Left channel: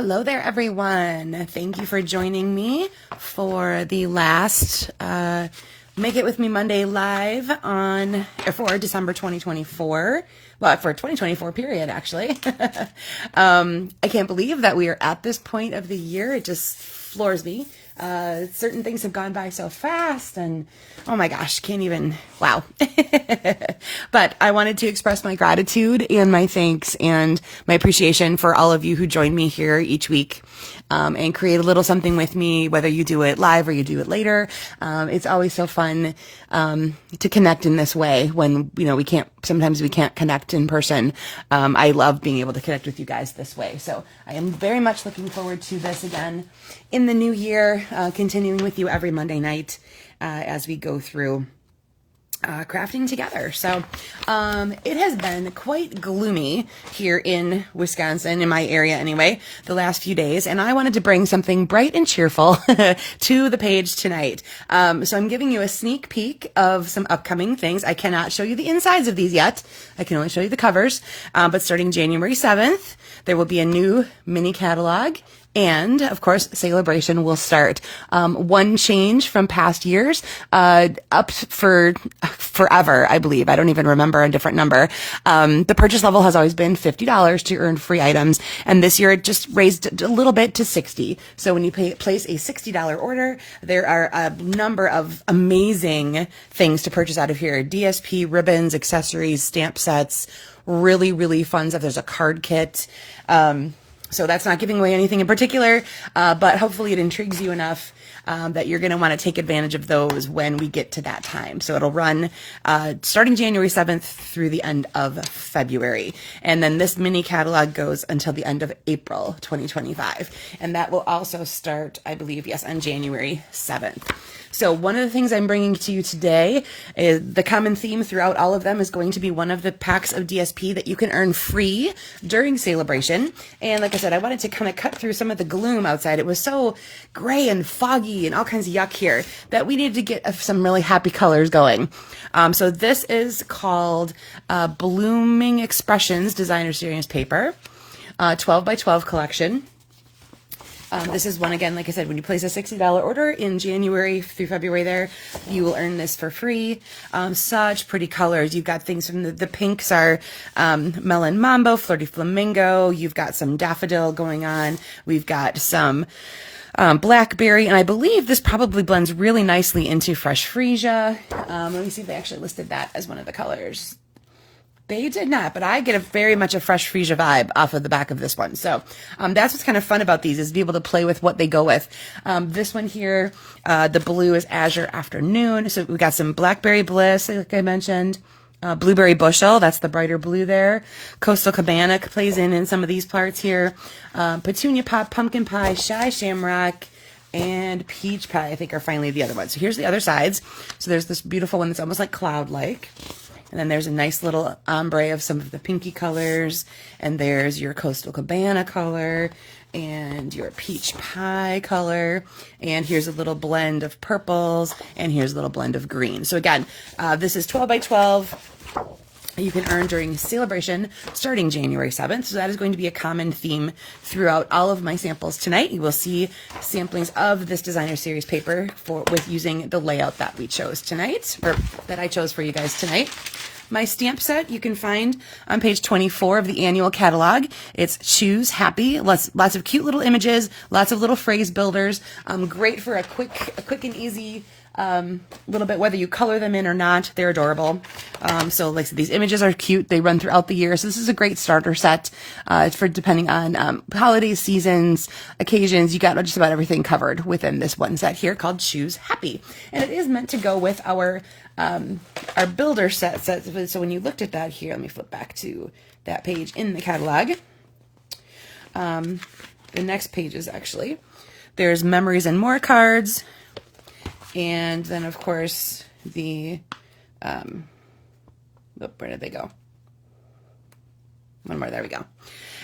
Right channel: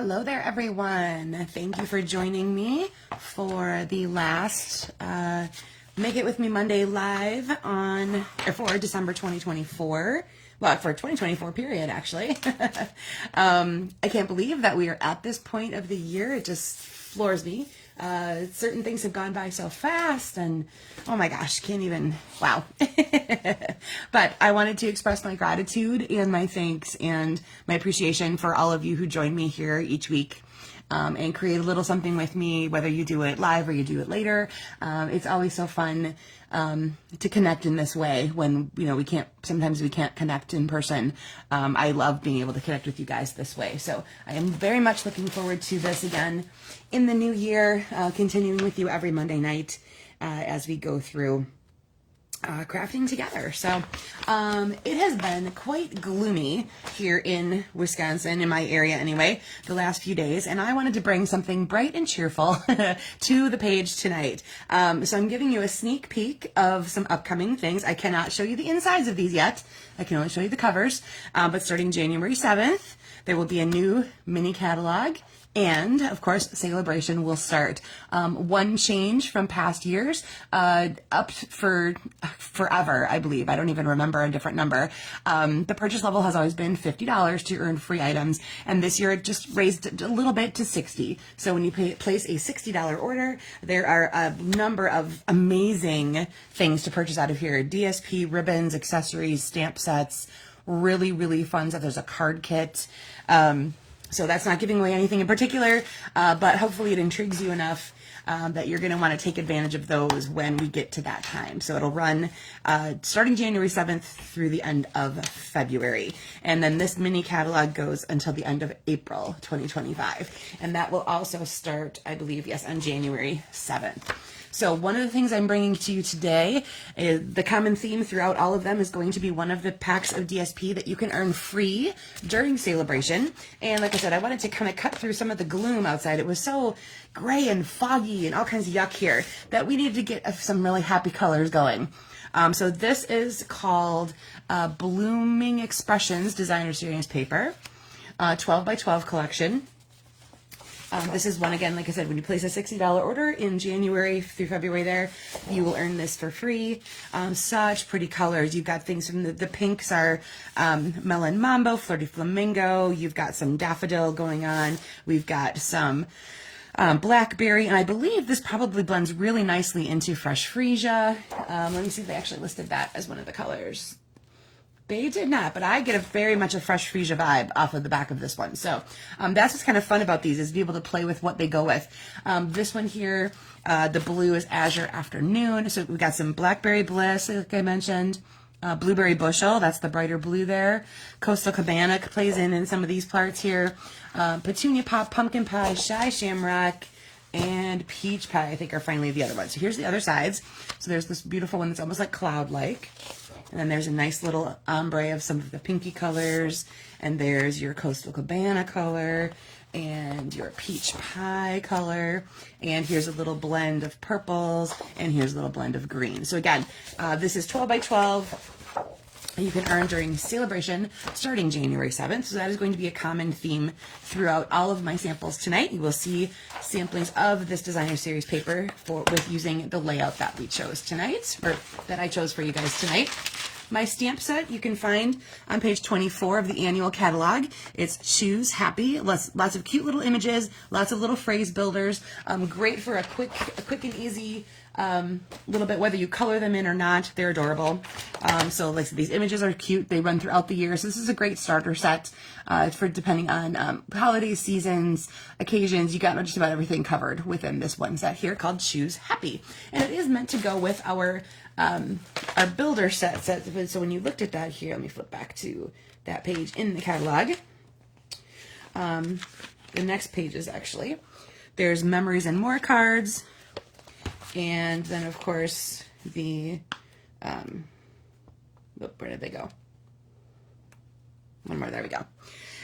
Hello there, everyone. Thank you for joining me for the last Make It With Me Monday live for December 2024. Well, for 2024 period, actually. I can't believe that we are at this point of the year. It just floors me. Certain things have gone by so fast, and oh my gosh, can't even, wow. But I wanted to express my gratitude and my thanks and my appreciation for all of you who join me here each week and create a little something with me, whether you do it live or you do it later. It's always so fun to connect in this way when, sometimes we can't connect in person. I love being able to connect with you guys this way. So I am very much looking forward to this again in the new year, continuing with you every Monday night as we go through crafting together. So it has been quite gloomy here in Wisconsin, in my area anyway, the last few days, and I wanted to bring something bright and cheerful to the page tonight. So I'm giving you a sneak peek of some upcoming things. I cannot show you the insides of these yet. I can only show you the covers, but starting January 7th, there will be a new mini catalog. And of course, Celebration will start. One change from past years, up for forever, I believe. I don't even remember a different number. The purchase level has always been $50 to earn free items. And this year it just raised a little bit to $60. So when you place a $60 order, there are a number of amazing things to purchase out of here. DSP, ribbons, accessories, stamp sets, really, really fun stuff. There's a card kit. So that's not giving away anything in particular, but hopefully it intrigues you enough that you're going to want to take advantage of those when we get to that time. So it'll run starting January 7th through the end of February. And then this mini catalog goes until the end of April 2025. And that will also start, I believe, yes, on January 7th. So one of the things I'm bringing to you today is the common theme throughout all of them is going to be one of the packs of DSP that you can earn free during Celebration. And like I said, I wanted to kind of cut through some of the gloom outside. It was so gray and foggy and all kinds of yuck here that we needed to get some really happy colors going. So this is called Blooming Expressions Designer Series Paper, 12 by 12 collection. This is one, again, like I said, when you place a $60 order in January through February there, you will earn this for free. Such pretty colors. You've got things from the pinks are Melon Mambo, Flirty Flamingo. You've got some daffodil going on. We've got some blackberry, and I believe this probably blends really nicely into Fresh Freesia. Let me see if they actually listed that as one of the colors. They did not, but I get very much a Fresh Freesia vibe off of the back of this one. So that's what's kind of fun about these is to be able to play with what they go with. This one here, the blue is Azure Afternoon. So we got some Blackberry Bliss, like I mentioned. Blueberry Bushel, that's the brighter blue there. Coastal Cabana plays in some of these parts here. Petunia Pop, Pumpkin Pie, Shy Shamrock, and Peach Pie, I think, are finally the other ones. So here's the other sides. So there's this beautiful one that's almost like cloud-like. And then there's a nice little ombre of some of the pinky colors. And there's your Coastal Cabana color and your Peach Pie color. And here's a little blend of purples. And here's a little blend of green. So again, this is 12 by 12. You can earn during Celebration starting January 7th. So that is going to be a common theme throughout all of my samples tonight. You will see samplings of this designer series paper with using the layout that we chose tonight, or that I chose for you guys tonight. My stamp set you can find on page 24 of the annual catalog. It's Choose Happy. Lots of cute little images, lots of little phrase builders. Great for a quick and easy little bit, whether you color them in or not. They're adorable. So like I said, these images are cute. They run throughout the year. So this is a great starter set for depending on holidays, seasons, occasions. You got just about everything covered within this one set here called Choose Happy. And it is meant to go with our builder set. So when you looked at that here, let me flip back to that page in the catalog. The next page is actually, there's Memories and More cards. And then, of course, where did they go? One one more. There we go.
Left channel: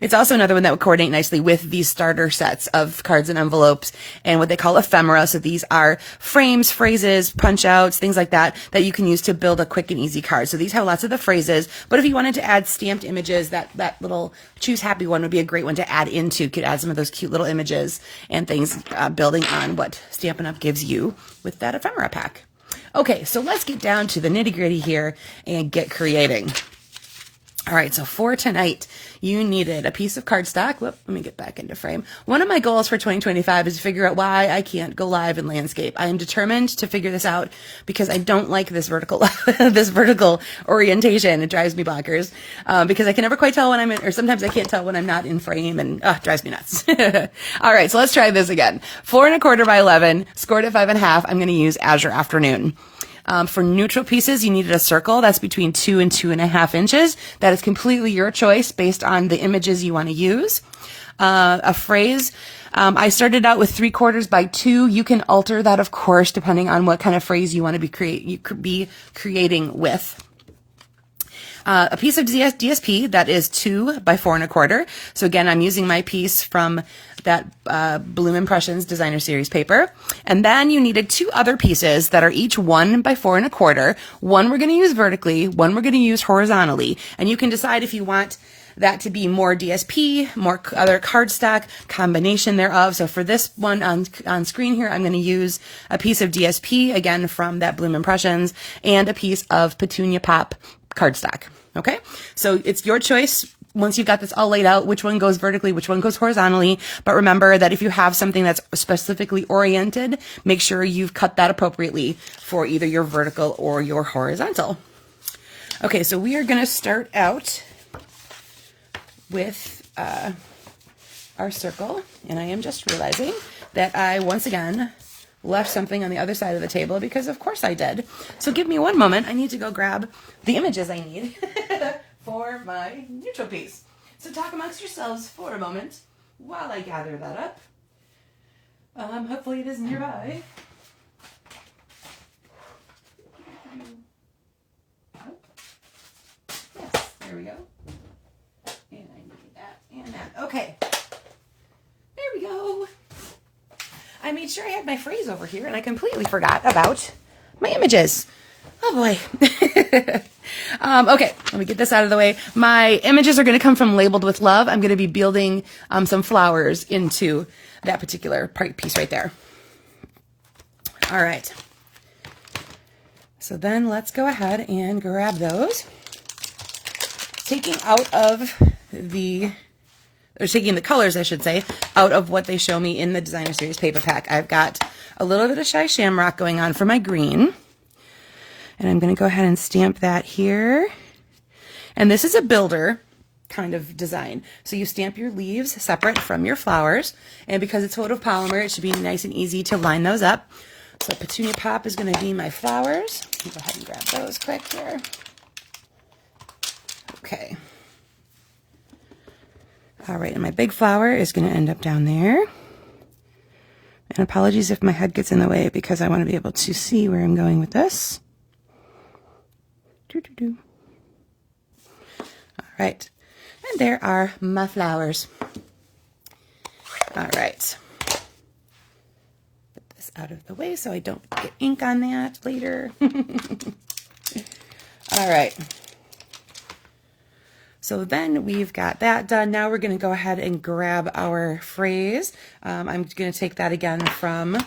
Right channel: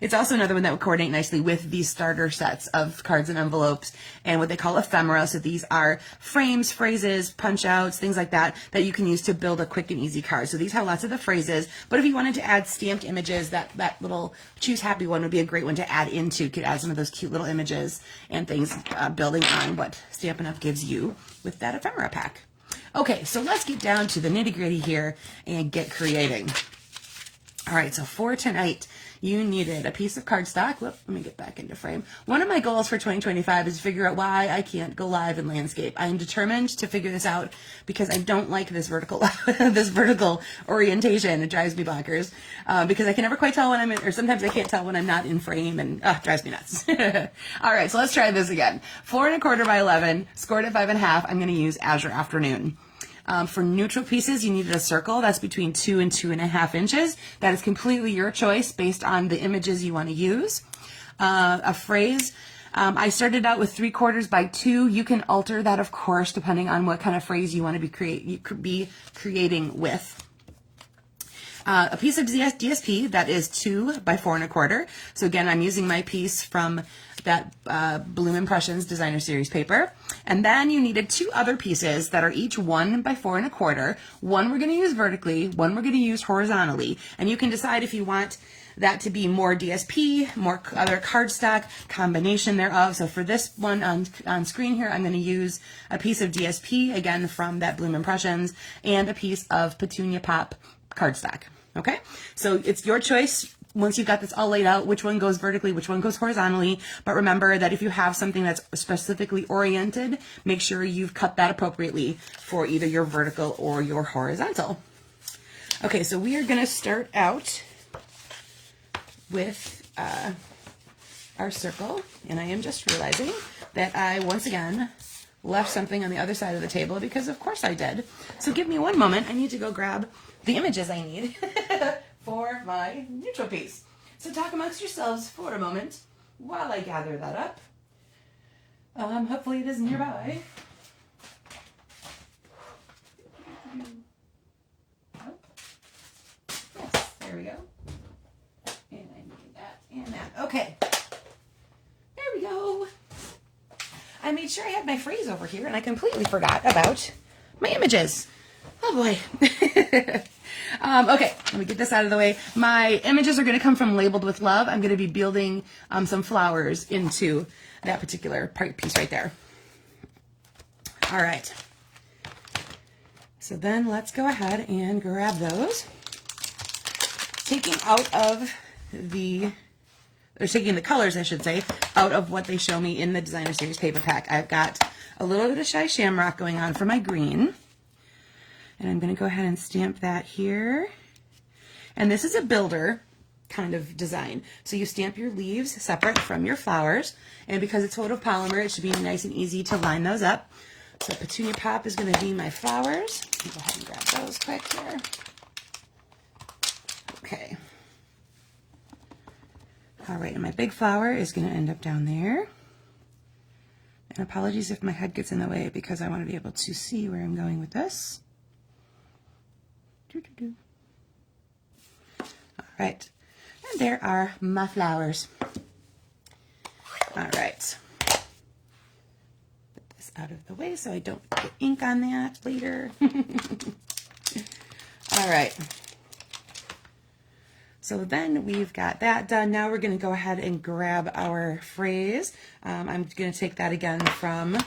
It's also another one that would coordinate nicely with these starter sets of cards and envelopes and what they call ephemera. So these are frames, phrases, punch outs, things like that, that you can use to build a quick and easy card. So these have lots of the phrases, but if you wanted to add stamped images, that little Choose Happy one would be a great one to add into. You could add some of those cute little images and things, building on what Stampin' Up! Gives you with that ephemera pack. Okay, so let's get down to the nitty gritty here and get creating. All right, so for tonight, you needed a piece of cardstock. Whoop, let me get back into frame. One of my goals for 2025 is to figure out why I can't go live in landscape. I am determined to figure this out because I don't like this vertical this vertical orientation. It drives me bonkers because I can never quite tell when I'm in, or sometimes I can't tell when I'm not in frame, and it drives me nuts. All right, so let's try this again. 4 1/4 by 11, scored at 5 1/2. I'm going to use Azure Afternoon. For neutral pieces, you needed a circle that's between 2 and 2.5 inches. That is completely your choice based on the images you want to use. A phrase, I started out with 3/4 by 2. You can alter that, of course, depending on what kind of phrase you want to be creating with. A piece of DSP that is 2 by 4 1/4. So again, I'm using my piece from that Bloom Impressions Designer Series paper. And then you needed 2 other pieces that are each 1 by 4 1/4. One we're going to use vertically, one we're going to use horizontally. And you can decide if you want that to be more DSP, more other cardstock, combination thereof. So for this one on screen here, I'm going to use a piece of DSP, again, from that Bloom Impressions, and a piece of Petunia Pop cardstock. Okay, so it's your choice once you've got this all laid out, which one goes vertically, which one goes horizontally. But remember that if you have something that's specifically oriented, make sure you've cut that appropriately for either your vertical or your horizontal. Okay, so we are going to start out with our circle, and I am just realizing that I once again left something on the other side of the table, because of course I did. So give me one moment. I need to go grab the images I need for my neutral piece. So talk amongst yourselves for a moment while I gather that up. Hopefully it is nearby. Yes, there we go. And I need that and that. Okay. There we go. I made sure I had my phrase over here, and I completely forgot about my images. Oh boy. Okay, let me get this out of the way. My images are going to come from Labeled with Love. I'm going to be building some flowers into that particular piece right there. All right. So then let's go ahead and grab those. Taking the colors, I should say, out of what they show me in the Designer Series paper pack. I've got a little bit of Shy Shamrock going on for my green. And I'm going to go ahead and stamp that here. And this is a builder kind of design. So you stamp your leaves separate from your flowers. And because it's photopolymer, it should be nice and easy to line those up. So Petunia Pop is going to be my flowers. Go ahead and grab those quick here. Okay. All right, and my big flower is going to end up down there. And apologies if my head gets in the way, because I want to be able to see where I'm going with this. All right, and there are my flowers. All right. Put this out of the way so I don't get ink on that later. All right. So then we've got that done. Now we're going to go ahead and grab our phrase. I'm going to take that again from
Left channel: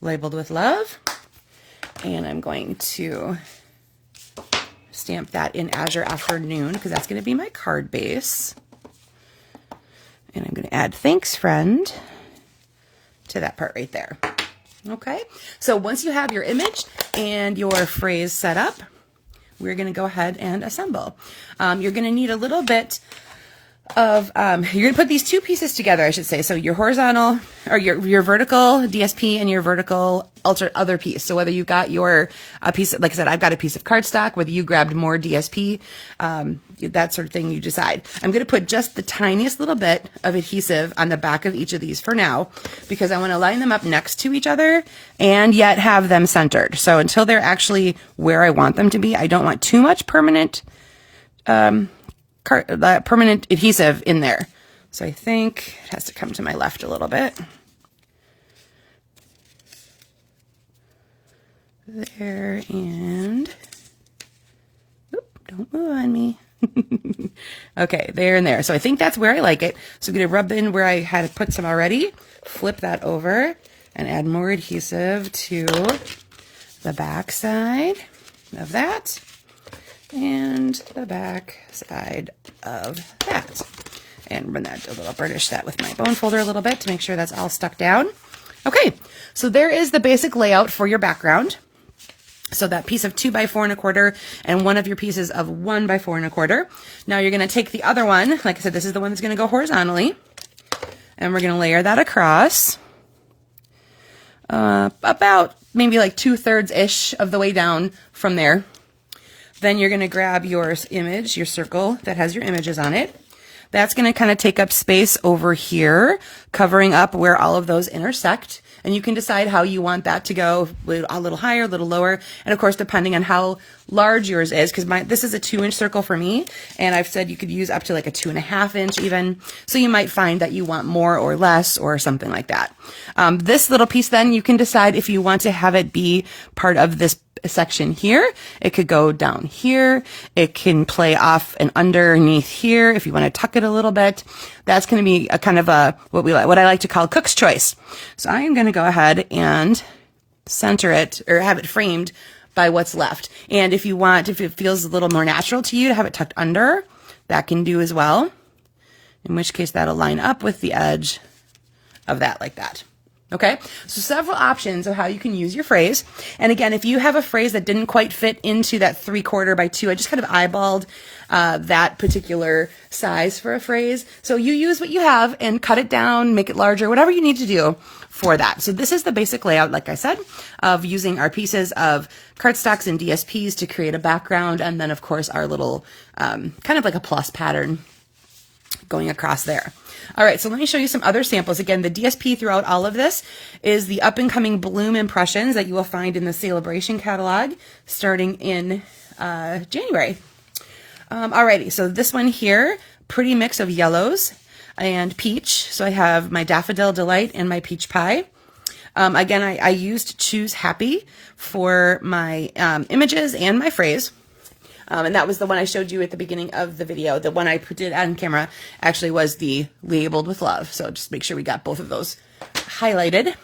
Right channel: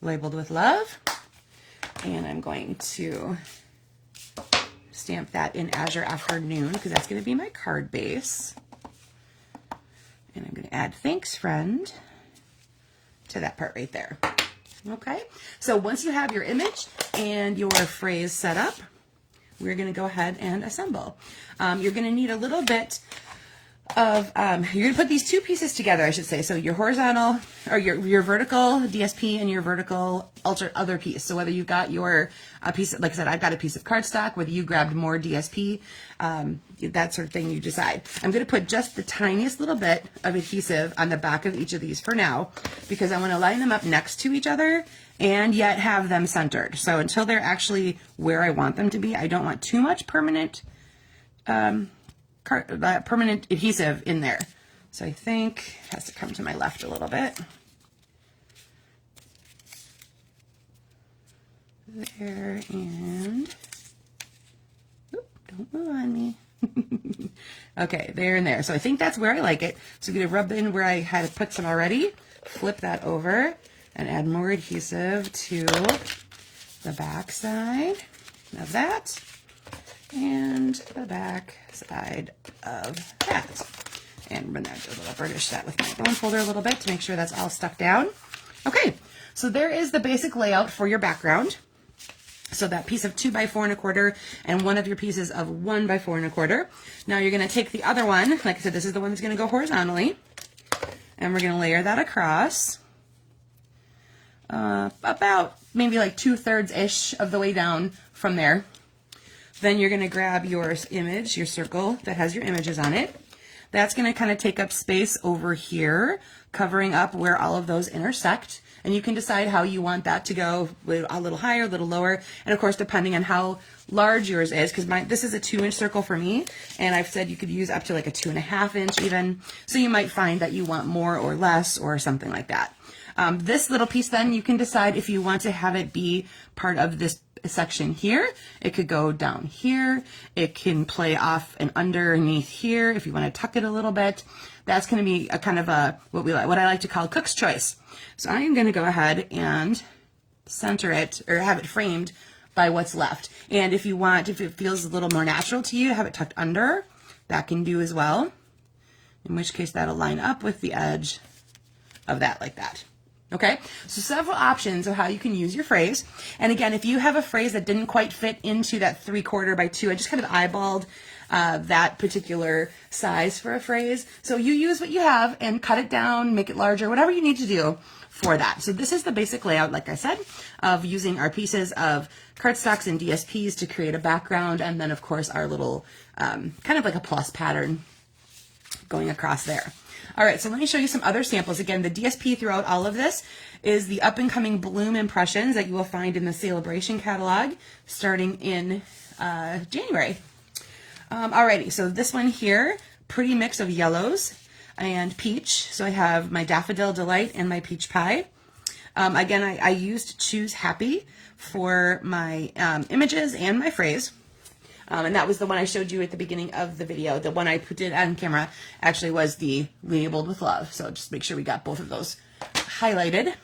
Labeled with Love, and I'm going to stamp that in Azure Afternoon, because that's going to be my card base. And I'm going to add Thanks Friend to that part right there. Okay, so once you have your image and your phrase set up, we're going to go ahead and assemble. You're going to need a little bit of, you're going to put these 2 pieces together, I should say. So your horizontal, or your vertical DSP and your vertical other piece. So whether you've got your piece, like I said, I've got a piece of cardstock, whether you grabbed more DSP, that sort of thing, you decide. I'm going to put just the tiniest little bit of adhesive on the back of each of these for now, because I want to line them up next to each other and yet have them centered. So until they're actually where I want them to be, I don't want too much permanent that permanent adhesive in there. So I think it has to come to my left a little bit. There, and oop, don't move on me. Okay, there and there. So I think that's where I like it. So I'm going to rub in where I had put some already, flip that over, and add more adhesive to the back side of that and the back side of that. And run that a little, burnish that with my bone folder a little bit to make sure that's all stuck down. Okay, so there is the basic layout for your background. So that piece of 2 by 4 1/4 and one of your pieces of 1 by 4 1/4. Now you're going to take the other one, like I said, this is the one that's going to go horizontally, and we're going to layer that across about maybe like 2/3-ish of the way down from there. Then you're going to grab your image, your circle that has your images on it. That's going to kind of take up space over here, covering up where all of those intersect. And you can decide how you want that to go, a little higher, a little lower. And of course, depending on how large yours is, because this is a 2-inch circle for me. And I've said you could use up to like a 2.5 inch even. So you might find that you want more or less or something like that. This little piece then, you can decide if you want to have it be part of this section here. It could go down here. It can play off and underneath here if you want to tuck it a little bit. That's going to be a kind of a what I like to call cook's choice. So I am going to go ahead and center it or have it framed by what's left. And if you want, if it feels a little more natural to you to have it tucked under, that can do as well. In which case that'll line up with the edge of that like that. Okay, so several options of how you can use your phrase. And again, if you have a phrase that didn't quite fit into that 3/4 by 2, I just kind of eyeballed that particular size for a phrase. So you use what you have and cut it down, make it larger, whatever you need to do for that. So this is the basic layout, like I said, of using our pieces of cardstocks and DSPs to create a background. And then of course our little kind of like a plus pattern going across there. All right, so let me show you some other samples. Again, the DSP throughout all of this is the up-and-coming Bloom impressions that you will find in the Celebration catalog starting in January. Alrighty, so this one here, pretty mix of yellows and peach. So I have my Daffodil Delight and my Peach Pie. Again, I used Choose Happy for my images and my phrase. And that was the one I showed you at the beginning of the video. The one I did on camera actually was the Labeled with Love. So just make sure we got both of those highlighted.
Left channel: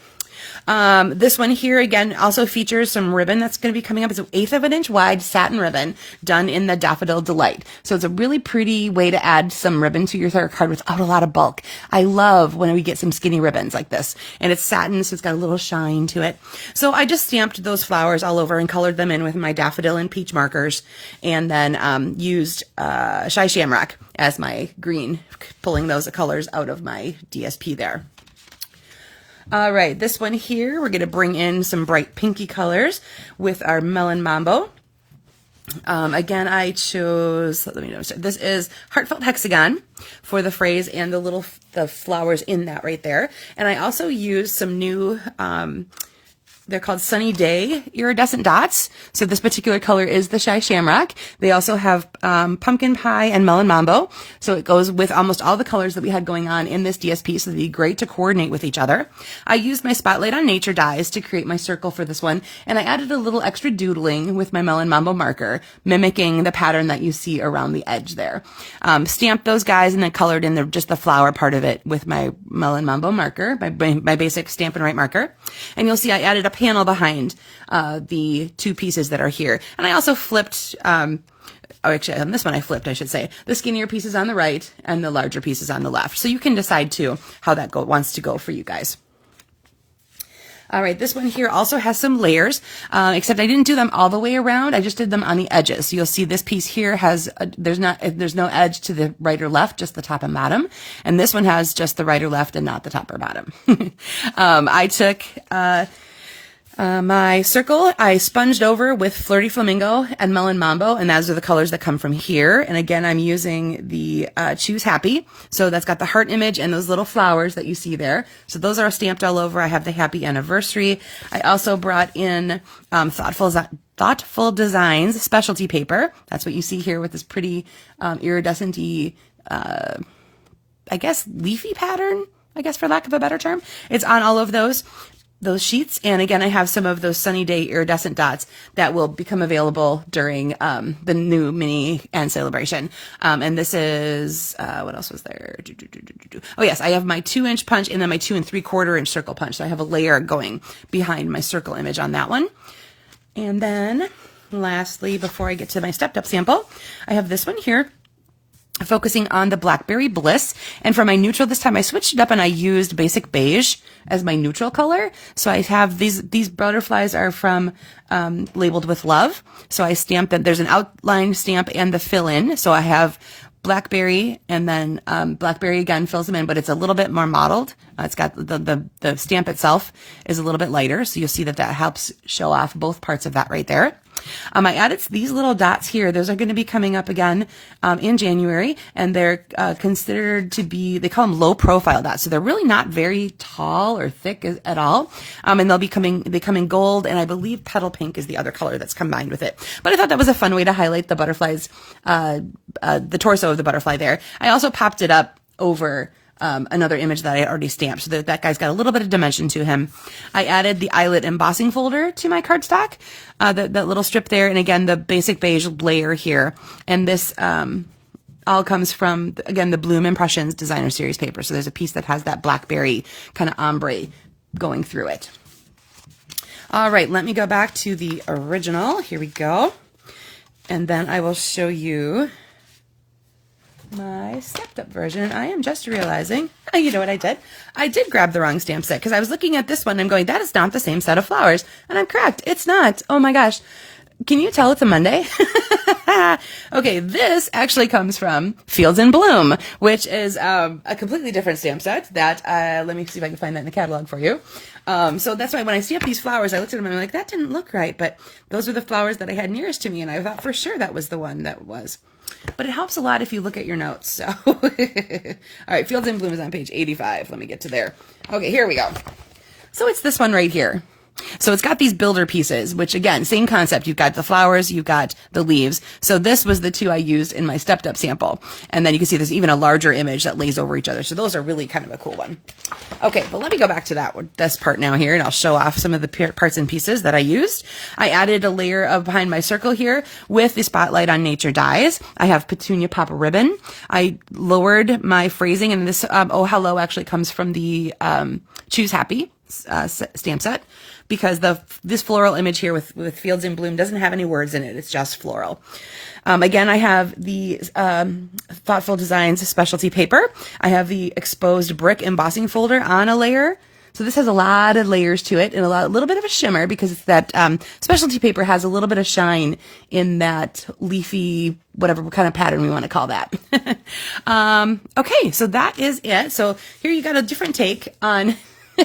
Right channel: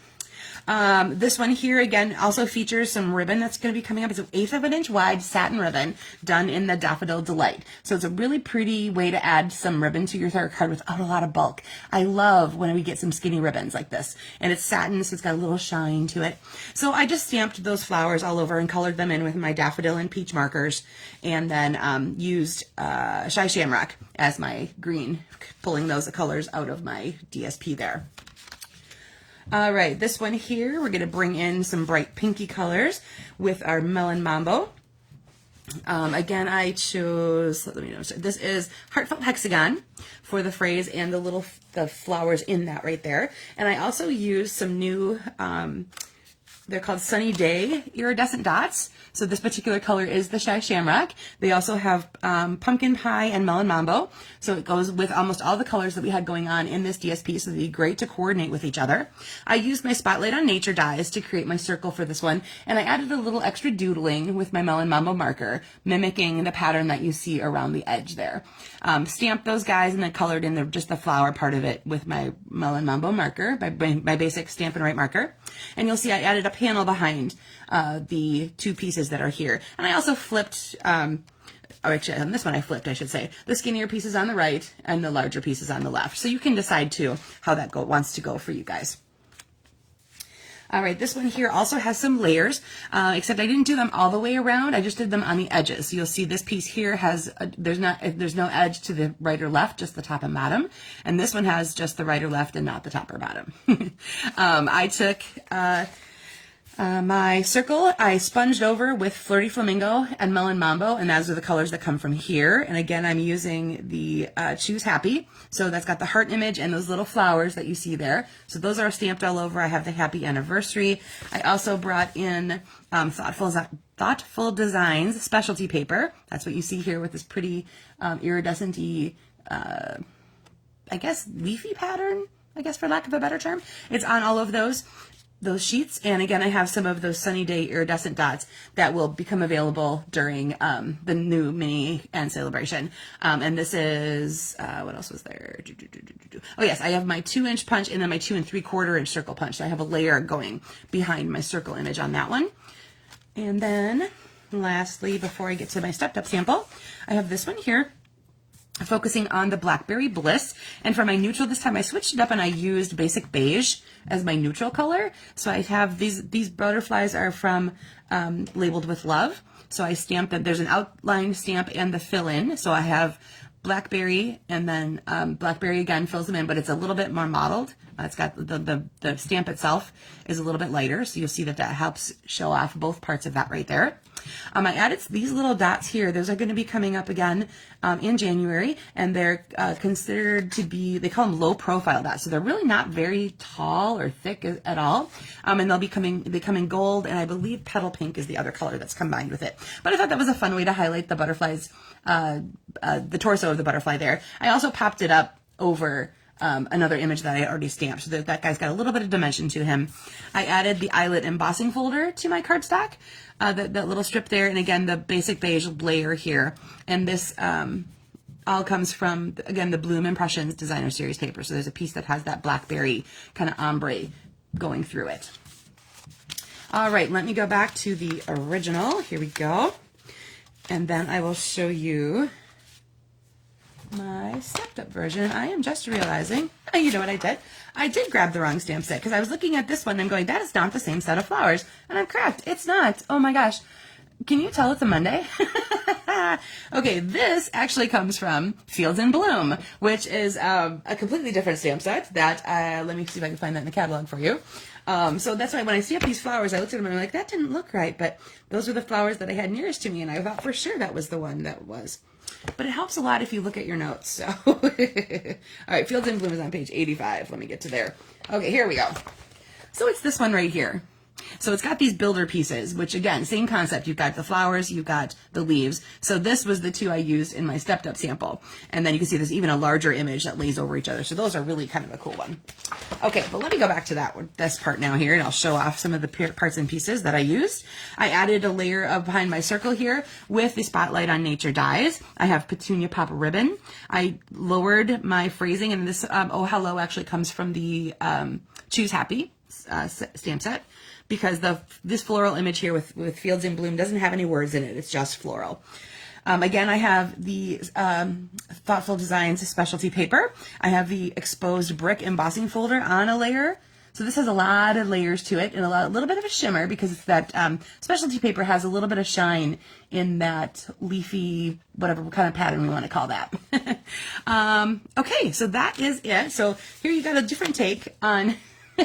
This one here, again, also features some ribbon that's going to be coming up. It's an 1/8 of an inch wide satin ribbon done in the Daffodil Delight. So it's a really pretty way to add some ribbon to your card without a lot of bulk. I love when we get some skinny ribbons like this. And it's satin, so it's got a little shine to it. So I just stamped those flowers all over and colored them in with my daffodil and peach markers. And then used Shy Shamrock as my green, pulling those colors out of my DSP there. All right, this one here, we're going to bring in some bright pinky colors with our Melon Mambo. Again, I chose, let me know, this is Heartfelt Hexagon for the phrase and the flowers in that right there. And I also used some new, they're called Sunny Day iridescent dots. So this particular color is the Shy Shamrock. They also have Pumpkin Pie and Melon Mambo. So it goes with almost all the colors that we had going on in this DSP. So it'd be great to coordinate with each other. I used my Spotlight on Nature dies to create my circle for this one. And I added a little extra doodling with my Melon Mambo marker, mimicking the pattern that you see around the edge there. Stamped those guys and then colored in just the flower part of it with my Melon Mambo marker, my basic Stampin' Write marker. And you'll see I added a panel behind the two pieces that are here. And I also flipped, actually on this one I flipped, I should say, the skinnier pieces on the right and the larger pieces on the left. So you can decide too how that wants to go for you guys. All right, this one here also has some layers, except I didn't do them all the way around. I just did them on the edges. So you'll see this piece here has, there's no edge to the right or left, just the top and bottom. And this one has just the right or left and not the top or bottom. I took, My circle, I sponged over with Flirty Flamingo and Melon Mambo, and those are the colors that come from here. And again, I'm using the Choose Happy. So that's got the heart image and those little flowers that you see there. So those are stamped all over. I have the happy anniversary. I also brought in Thoughtful Designs specialty paper. That's what you see here with this pretty iridescent-y, I guess, leafy pattern, I guess, for lack of a better term. It's on all of those sheets. And again, I have some of those sunny day iridescent dots that will become available during the new mini and celebration. And this is, what else was there? Oh yes, I have my 2-inch punch and then my 2 3/4-inch circle punch. So I have a layer going behind my circle image on that one. And then lastly, before I get to my stepped up sample, I have this one here, focusing on the Blackberry Bliss. And for my neutral this time, I switched it up and I used basic beige as my neutral color. So I have these butterflies are from Labeled with Love. So I stamped them. There's an outline stamp and the fill in. So I have Blackberry, and then Blackberry again fills them in, but it's a little bit more modeled. It's got the stamp itself is a little bit lighter. So you'll see that helps show off both parts of that right there. I added these little dots here. Those are going to be coming up again in January, and they're considered to be, they call them low profile dots. So they're really not very tall or thick at all. And they come in gold, and I believe petal pink is the other color that's combined with it. But I thought that was a fun way to highlight the butterflies, the torso of the butterfly there. I also popped it up over another image that I already stamped, so that guy's got a little bit of dimension to him. I added the eyelet embossing folder to my cardstock, that little strip there, and again the basic beige layer here. And this all comes from, again, the Bloom Impressions Designer Series paper. So there's a piece that has that blackberry kind of ombre going through it. All right, let me go back to the original. Here we go, and then I will show you my stepped up version. I am just realizing, you know what I did? I did grab the wrong stamp set because I was looking at this one and I'm going, that is not the same set of flowers. And I'm correct. It's not. Oh my gosh. Can you tell it's a Monday? Okay, this actually comes from Fields in Bloom, which is a completely different stamp set that, let me see if I can find that in the catalog for you. So that's why when I stamped these flowers, I looked at them and I'm like, that didn't look right, but those were the flowers that I had nearest to me, and I thought for sure that was the one that was. But it helps a lot if you look at your notes. So, all right, Fields in Bloom is on page 85. Let me get to there. Okay, here we go. So it's this one right here. So it's got these builder pieces, which again, same concept. You've got the flowers, you've got the leaves. So this was the two I used in my stepped up sample. And then you can see there's even a larger image that lays over each other. So those are really kind of a cool one. Okay, but let me go back to this part now here, and I'll show off some of the parts and pieces that I used. I added a layer of behind my circle here with the Spotlight on Nature dies. I have Petunia Pop ribbon. I lowered my phrasing, and this Oh Hello actually comes from the Choose Happy stamp set, because this floral image here with Fields in Bloom doesn't have any words in it. It's just floral. Again, I have the Thoughtful Designs specialty paper. I have the exposed brick embossing folder on a layer. So this has a lot of layers to it and a little bit of a shimmer, because it's that specialty paper has a little bit of shine in that leafy, whatever kind of pattern we want to call that. Okay, so that is it. So here you got a different take on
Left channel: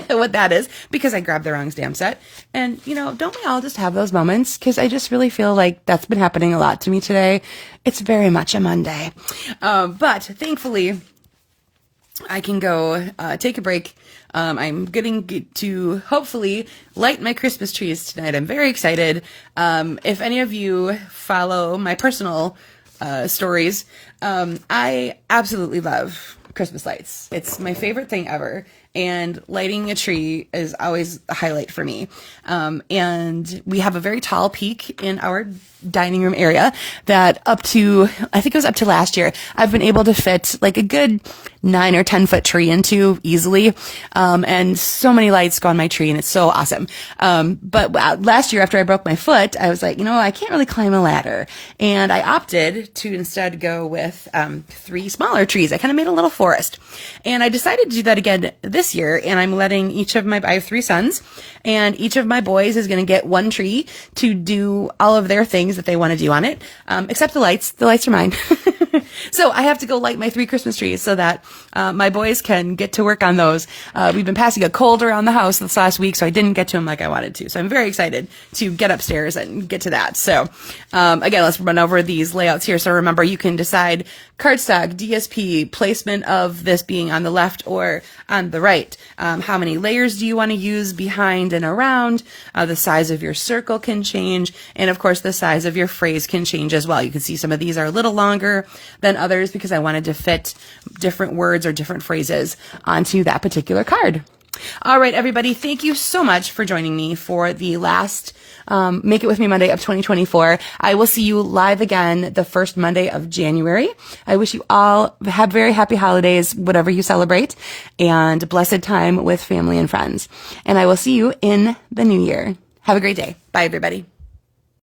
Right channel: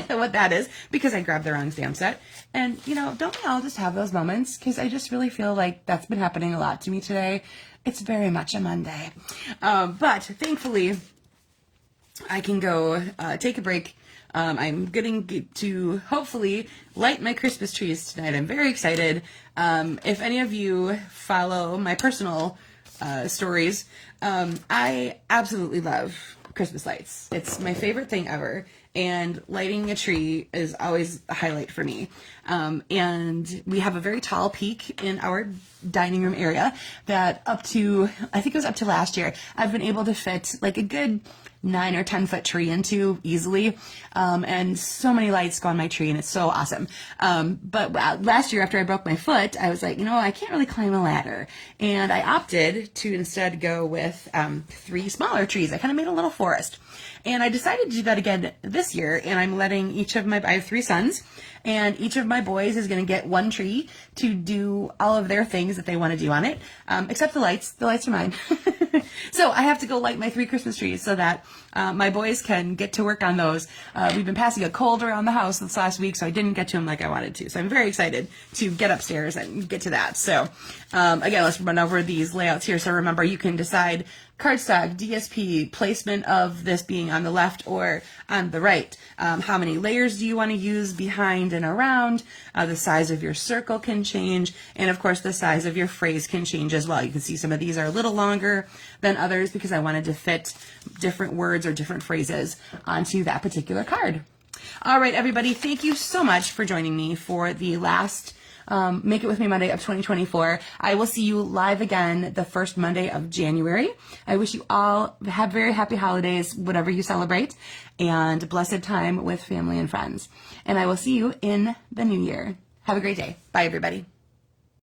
what that is, because I grabbed the wrong stamp set. And, you know, don't we all just have those moments? Because I just really feel like that's been happening a lot to me today. It's very much a Monday. But thankfully, I can go take a break. I'm getting to hopefully light my Christmas trees tonight. I'm very excited. If any of you follow my personal stories, I absolutely love Christmas lights. It's my favorite thing ever. And lighting a tree is always a highlight for me. And we have a very tall peak in our dining room area that I think it was up to last year, I've been able to fit like a good 9 or 10 foot tree into easily. And so many lights go on my tree, and it's so awesome. But last year after I broke my foot, I was like, you know, I can't really climb a ladder. And I opted to instead go with 3 smaller trees. I kind of made a little forest. And I decided to do that again this year. And I'm letting I have 3 sons, and each of my boys is going to get 1 tree to do all of their things that they want to do on it, except the lights. The lights are mine. So I have to go light my 3 Christmas trees so that my boys can get to work on those. We've been passing a cold around the house this last week, so I didn't get to them like I wanted to. So I'm very excited to get upstairs and get to that. So again, let's run over these layouts here. So remember, you can decide cardstock, DSP, placement of this being on the left or on the right. How many layers do you want to use behind and around? The size of your circle can change. And of course, the size of your phrase can change as well. You can see some of these are a little longer than others because I wanted to fit different words or different phrases onto that particular card. All right, everybody, thank you so much for joining me for the last Make It With Me Monday of 2024. I will see you live again the first Monday of January. I wish you all have very happy holidays, whatever you celebrate, and blessed time with family and friends. And I will see you in the new year. Have a great day. Bye, everybody.